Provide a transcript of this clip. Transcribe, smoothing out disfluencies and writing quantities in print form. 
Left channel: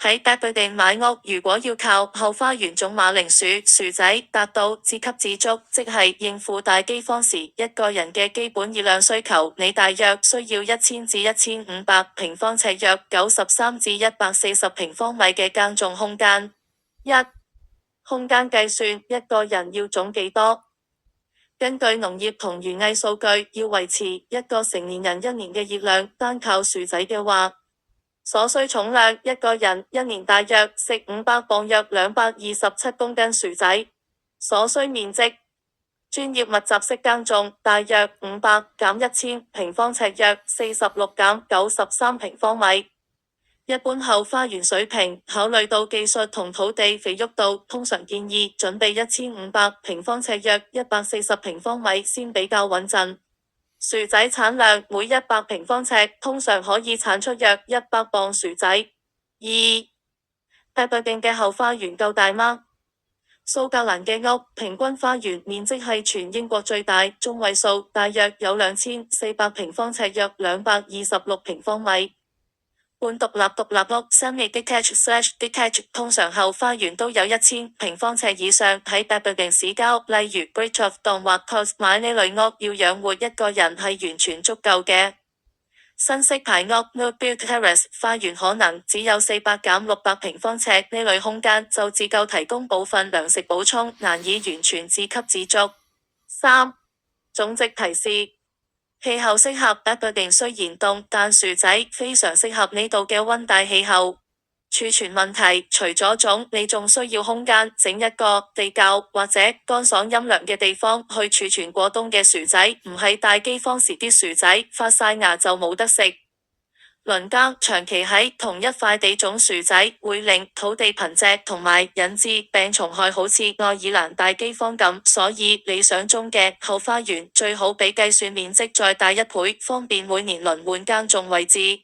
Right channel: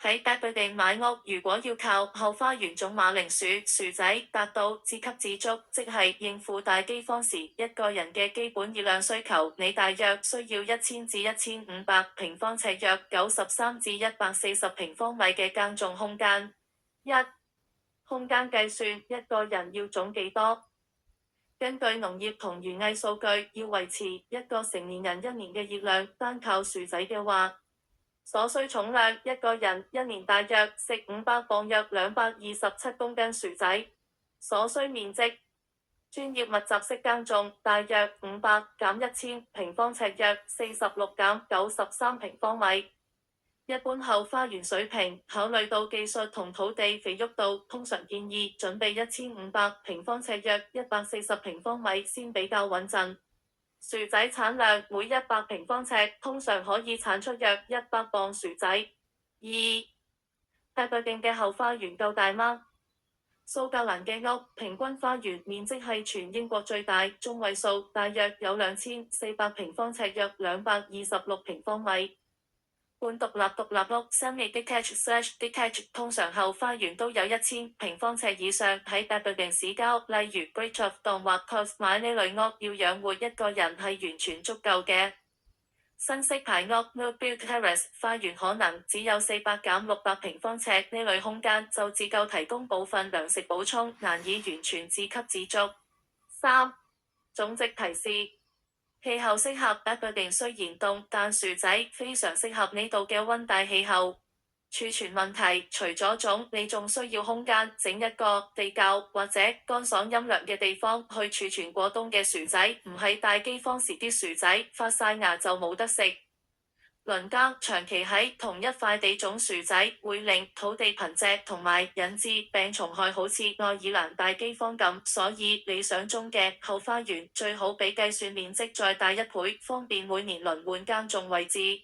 喺 Babydin 買屋，如果要靠後花園種馬鈴薯、薯仔達到自給自足，即係應付大饑荒時一個人嘅基本熱量需求，你大約需要1000至1500平方尺，約93至140平方米嘅耕種空間。空間計算，一個人要種幾多？根據農業同園藝數據，要維持一個成年人一年嘅熱量，單靠薯仔嘅話，所需重量，一個人一年大約食500磅，約227公斤薯仔。所需面積，專業密集式耕種大約500減1000平方尺，約46減93平方米。一般後花園水平，考慮到技術同土地肥沃度，通常建議準備1500平方尺，約140平方米先比較穩陣。薯仔產量，每100平方尺通常可以產出約100磅薯仔。Babydin 嘅後花園夠大嗎？蘇格蘭嘅屋平均花園面積係全英國最大，中位數大約有2400平方尺，約226平方米。半獨立屋 semi-detached/detached 通常後花園都有1000平方尺以上。喺 Babydin 市郊，例如 Bridgton 或 Cos 買呢類屋，要養活一個人係完全足夠嘅。新式排屋 No-build terrace 花園可能只有400減600平方尺，呢類空間就只夠提供部分糧食補充，難以完全自給自足。種植提示。氣候適合 Babydin 雖然凍，但薯仔非常適合呢度嘅溫帶氣候。儲存問題，除咗種，你仲需要空間，整一個地窖或者乾爽陰涼嘅地方去儲存過冬嘅薯仔，唔係大饑荒時啲薯仔發晒芽就冇得食。輪耕，長期喺同一塊地種薯仔會令土地貧瘠同埋引致病蟲害，好似愛爾蘭大饑荒咁，所以理想中嘅後花園最好比計算面積再大1倍，方便每年輪換耕種位置。